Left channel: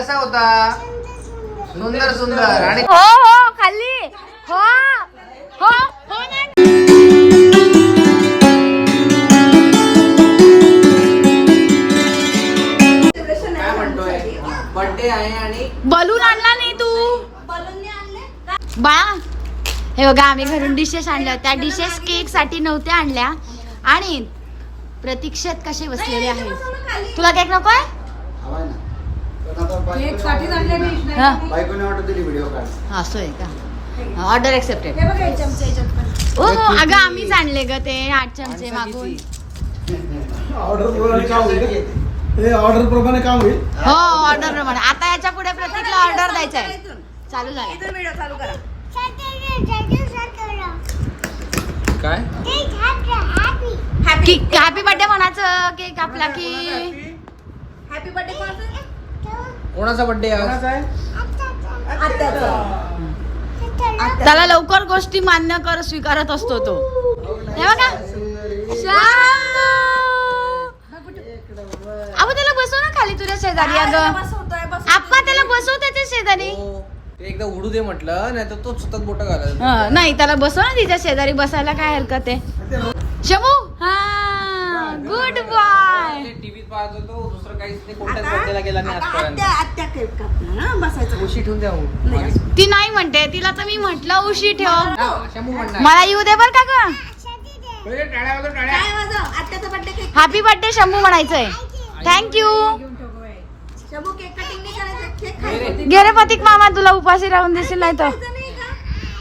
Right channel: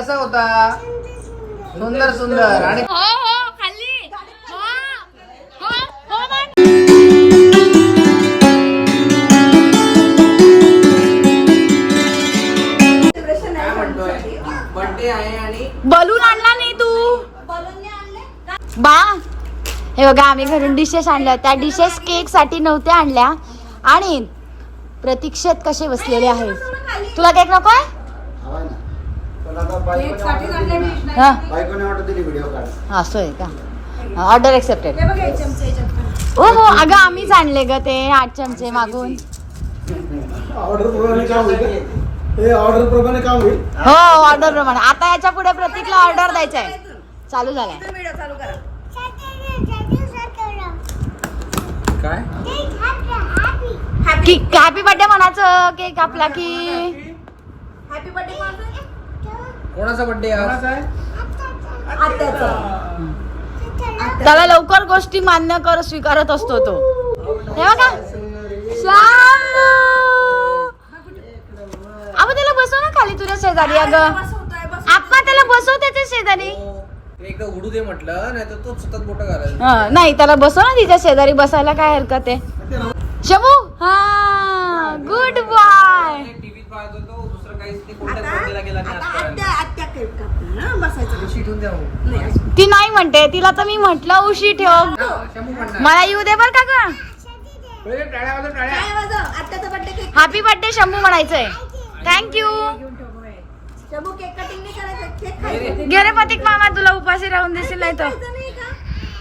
कसा होता? सुंदर सुंदर आणि हो हो खाल्ली. हो हो हो म्हण. काय म्हणतोय? बर्थडे आहे आणि बलून आणला नाही तू? बा हे बघा आम्ही घरून डिशेस आणल्या त्या डिशेस केकसाठी नव्हत्या आणल्या. आणि प्रतीक्षेत कसे बसलेले आहेत? तुला केक नकोय? हा. असं आहे का? ऑर्डर एक्सेप्टेड हो हो अगं आम्हीच आणले ग ते आठ चमचे मागून. ऑर्डर प्रमाणे काम होईल हे ऑर्डर प्रमाणे हो आता याच्यापुढे प्रतीकला ऑर्डर द्यायचा आहे चालू झालाय काय? हॅपी बर्थडे म्हणायचं केक कापला की? कोणाचा बर्थडे आज? त्याला लवकर गोष्टी मान्य कर स्वीकारत असतो तो. हे बघा. श्यामू! अगं त्याला बसव ना खाली तुझ्या शेजारी अगं. आप्पा त्याला बसव त्याच्या शेजारी. हो, ते एकदा उडू दे म्हटलं नाही तर तो सतत बोट घालायला हं, नाही त्याला बसव ना तिच्या शेजारी बसायला काय हरकत आहे? शमू हा गुड बॉय टीव्हीत पाहत होतो दुसरं काहीच ते कोणत्याच बर्थडेला गेला नाही आजपर्यंत. उशी ठेवून द्या मग. ती नाही म्हणते तिला तर मी म्हंटल उशी ठेव. हा, शंभू म्हणणार. मला येऊ दे बर का ग? पहिले टाळ्या वाजव, टाळ्या. हॅपी बर्थडे शंभू म्हणायचंय. थँक्यू घे रे प्रतीक मामा तुला उपाशी राहून देशील नाही तर.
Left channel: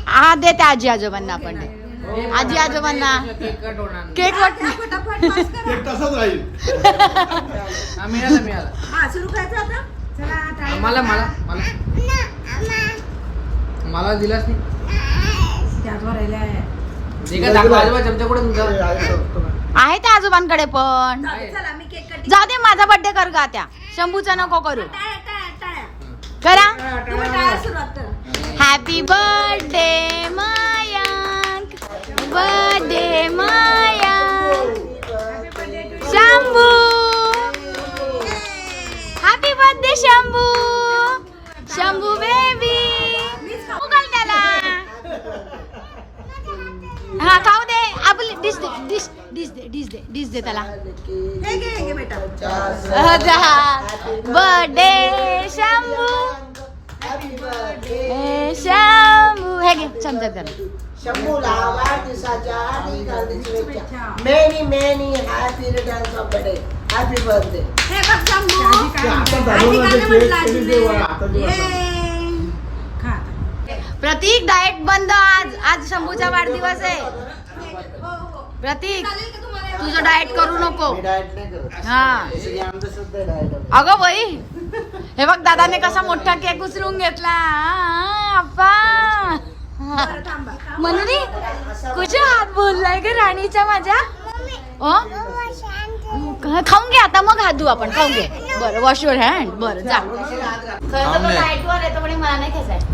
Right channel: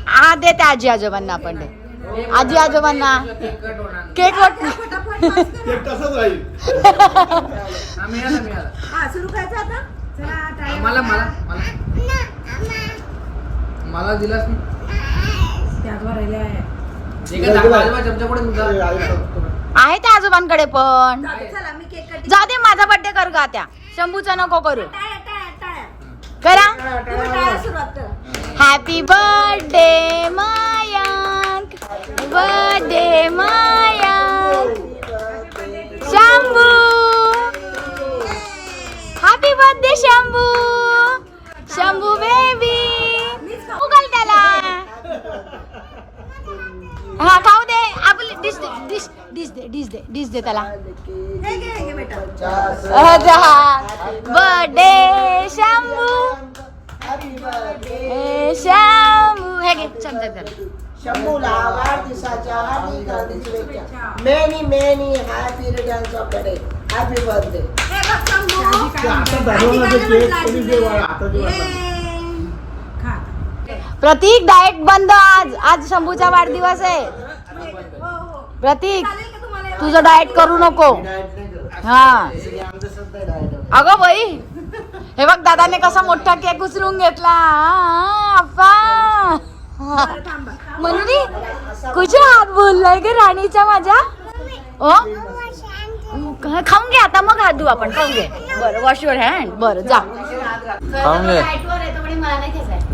हा दे त्या आजी आजोबांना आपण दे. आजी आजोबांना. केक कट होणार नाही. केक वाट एक तसंच राहील. हा, मिळालं मिळालं. मला मला मला मला. दिलास नाही? जे काय दाखवा आजोबा चमच्यापुढे तुमचा. आहे त्या आजोबांकडे पण. जा दे माझा बर्थडे कर का त्या शंभूचा नको करू. करा. Happy birthday Mayank birthday Mayank Shambhu happy birthday Shambhu Shambhu baby उगल त्याला हा खाऊ दे आपली डिश दे डिश डिश दे डिश दे डिश दे त्याला बर्थडे शंभू ए, शंभू हे घे चमचा जरा Many, many happy returns of the day. Happy birthday. Pratik diet बंद आज. आज शंभूचा वाढदिवस आहे. प्रतीक तुझं डाएट करू नको. डाएट नाही करत. हा. अगं बाई हे बघ दादाने कसा मोठा केक उचलून घेतला. मंदी कुठे हात बोललाय ग राणीच्या माझ्या. ओ? खाऊन घे आता मग हात धुऊ आपण. खाऊन घे. बरं वॉश युअर हँड बरं जा. खाऊन घे.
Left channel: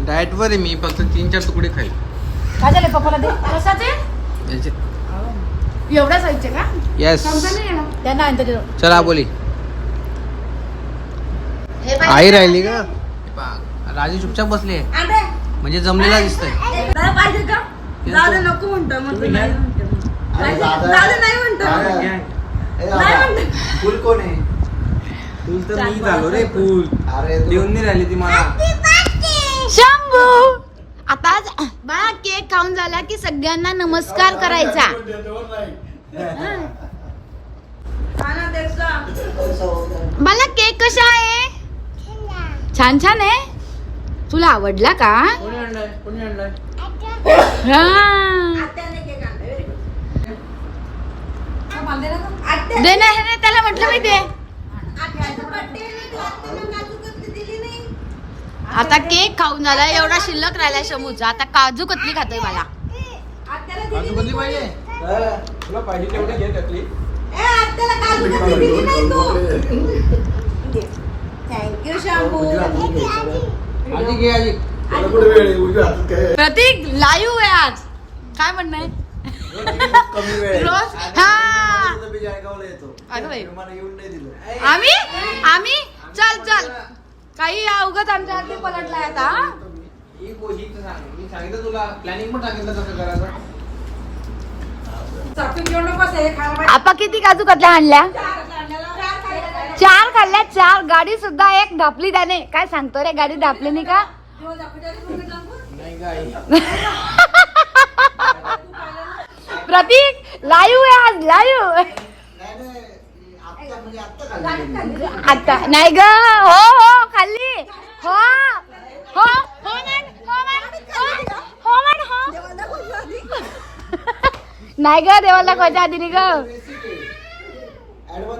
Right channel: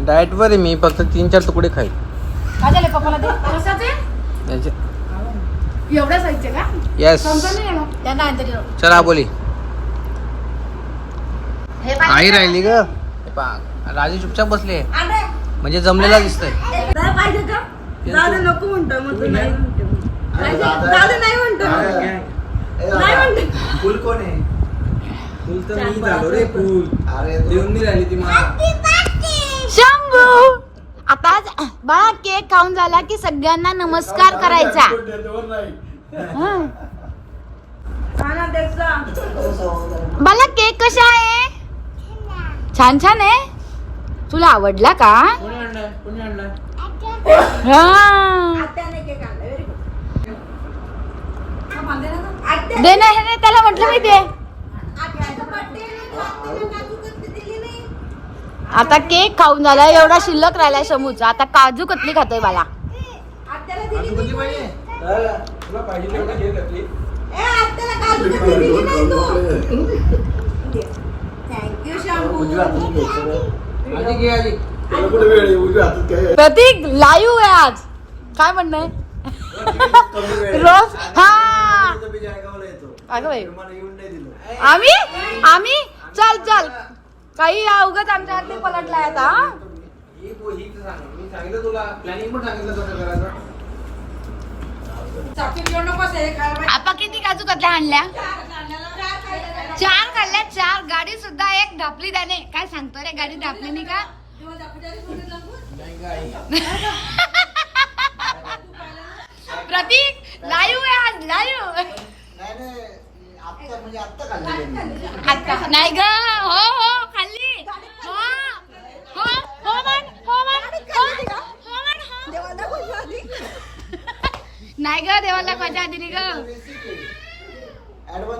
डाएट वर आहे मी फक्त तीन चार तुकडे खाईल. काय झालं पप्पाला दे? कशाचे? याचे. एवढ्या साईजचे का? येस समजा नाही येणार. त्यांना आणते देऊ. चला बोली. आई? राहिली ग. हे पहा, राजी चुपचाप बसली. आहे म्हणजे जमलेला दिसतंय. पाहिजे का? जाऊ दे नको म्हणतो मग तू नाही म्हणतो पाहिजे जाऊ दे नाही म्हणतो नाही म्हणतो फुल कोण आहे? फुल तर मी झालो रे फुल. अरे देऊन नाही राहिली ती मला. शंभू! आता बाळा केक खाऊन झाला की सगळ्यांना नमस्कार करायचा. हं. बाला केक कसा आहे? छान छान आहे. तुला आवडला का? हा. दे ना हे नाही त्याला म्हटलं मी दे. आता केक खाऊन झाला एवढा शिल्लक राहिलाय शमूचा आता काजू कतली खातोय मला? प्रतीक लाईव्ह आहे आज. काय म्हणणं आहे. रोज हा. अगं आम्ही? आम्ही? चल चल. काही या उगाच आमच्यावरती पलटलाय आता हा? ही गोष्ट सांग मी सांगितलं तुला प्लॅनिंग पण सांगितलं कसं करायचं. चाकू घेऊन नको हे खायला पाहिजे. आपा किती काजू कतल्या आणल्या? चार खाल्ल्या चार गाडी सुद्धा एक ढापली त्याने. काय सांगतो रे गाडी ढापली नाही का? प्रतीक लाईव्ह आहे आज लाईव्ह आता नाही ग हो हो. खाल्ली हो हो हो म्हण हो म्हण हो, हो म्हण हो. नाही ग देवाला दाखवायच्या आधी नाही ग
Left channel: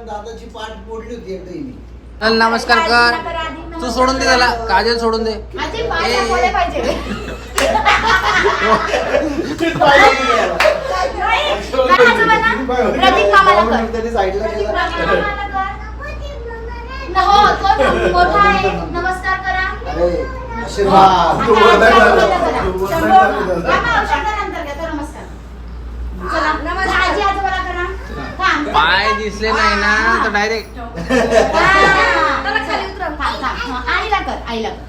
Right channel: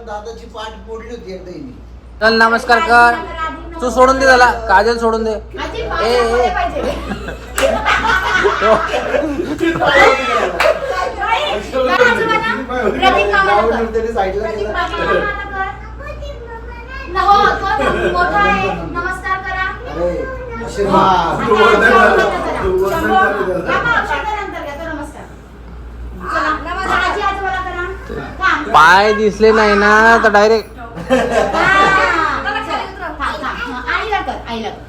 दादाची पाठ मोडली होती एकदा हिने. चल नमस्कार कर तू सोडून दे त्याला काजल सोडून दे मामाला कर. त्याने साईडला केला मोठा आहे. नमस्कार करा. अरे आशीर्वाद. तू. तू करा. पाय दिसले नाही ना तर डायरेक्ट आईला कर आईला कर.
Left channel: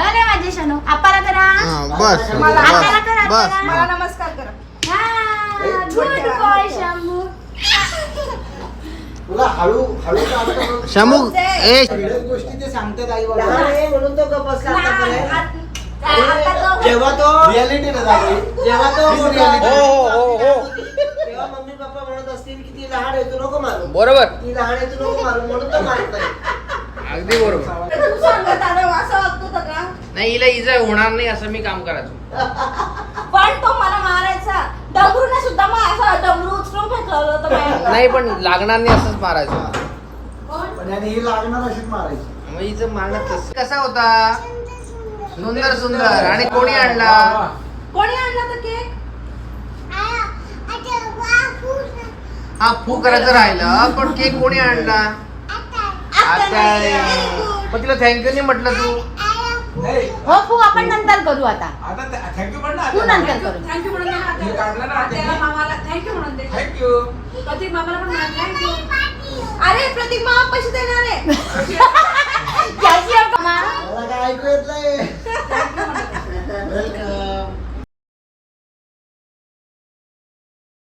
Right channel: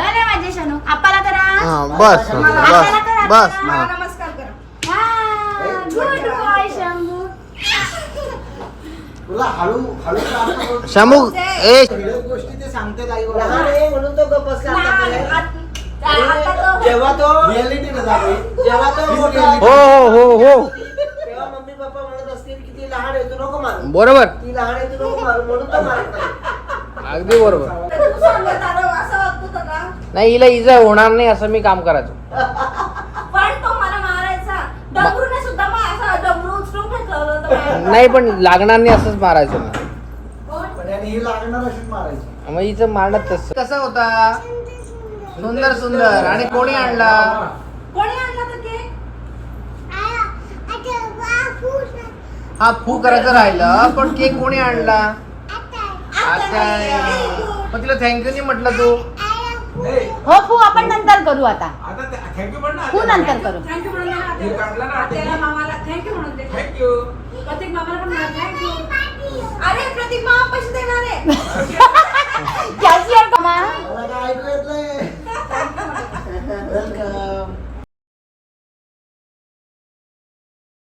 अरे माझे शानू आपाला करा. बस बस. मला नमस्कार करा. boy, शंभू. तुला हळू हळू काम करून शंभू ए. सगळ्याच गोष्टी ते सांगतात आई बाबा. म्हणून तो गप्प बसला आतापर्यंत जेव्हा तो रियालिटी. जेव्हा तो हो हो हो हो. तेव्हा मम्मी पप्पा म्हणत असतील की ती लहान आहे तू नको मारू. बरोबर. ती लहान आहे तू नको मारू म्हणून तो मारत नाही. अगदी बरोबर. तू सांग दादा असं वागतो तर का नाही हिला इजा होणार नाही असं मी काम करायचो. पण तो मला मारायचा डमरूने सुद्धा मग असा डमरू उचलून फेकला होता तो बाहेर. नाही पण लागणार नाही असंच मारायचो. पण याने ही लागणार अशीच मारायची. मग हिचं मारणं तसं. कसा होता? सुंदर सुंदर. आणि कोणी आणला? कोणी आणला तर केक? हा फू करायचं राहिलं पण केक कोणी आणला? आता पण तिला थँक्यू नाही म्हटलं तू. हो खूप आपण नंतर करू आता. थँक्यू पण खूप नंतर करू. थँक्यू म्हणून दे ना हे काढलं ना आत्याला. आत्याने. आत्याला, मामाला. थँक्यू म्हणून दे थँक्यू प्रतीक मामाला पण म्हणत नाही अरे प्रतीक मामा पैसे देणार आहे. ऐकू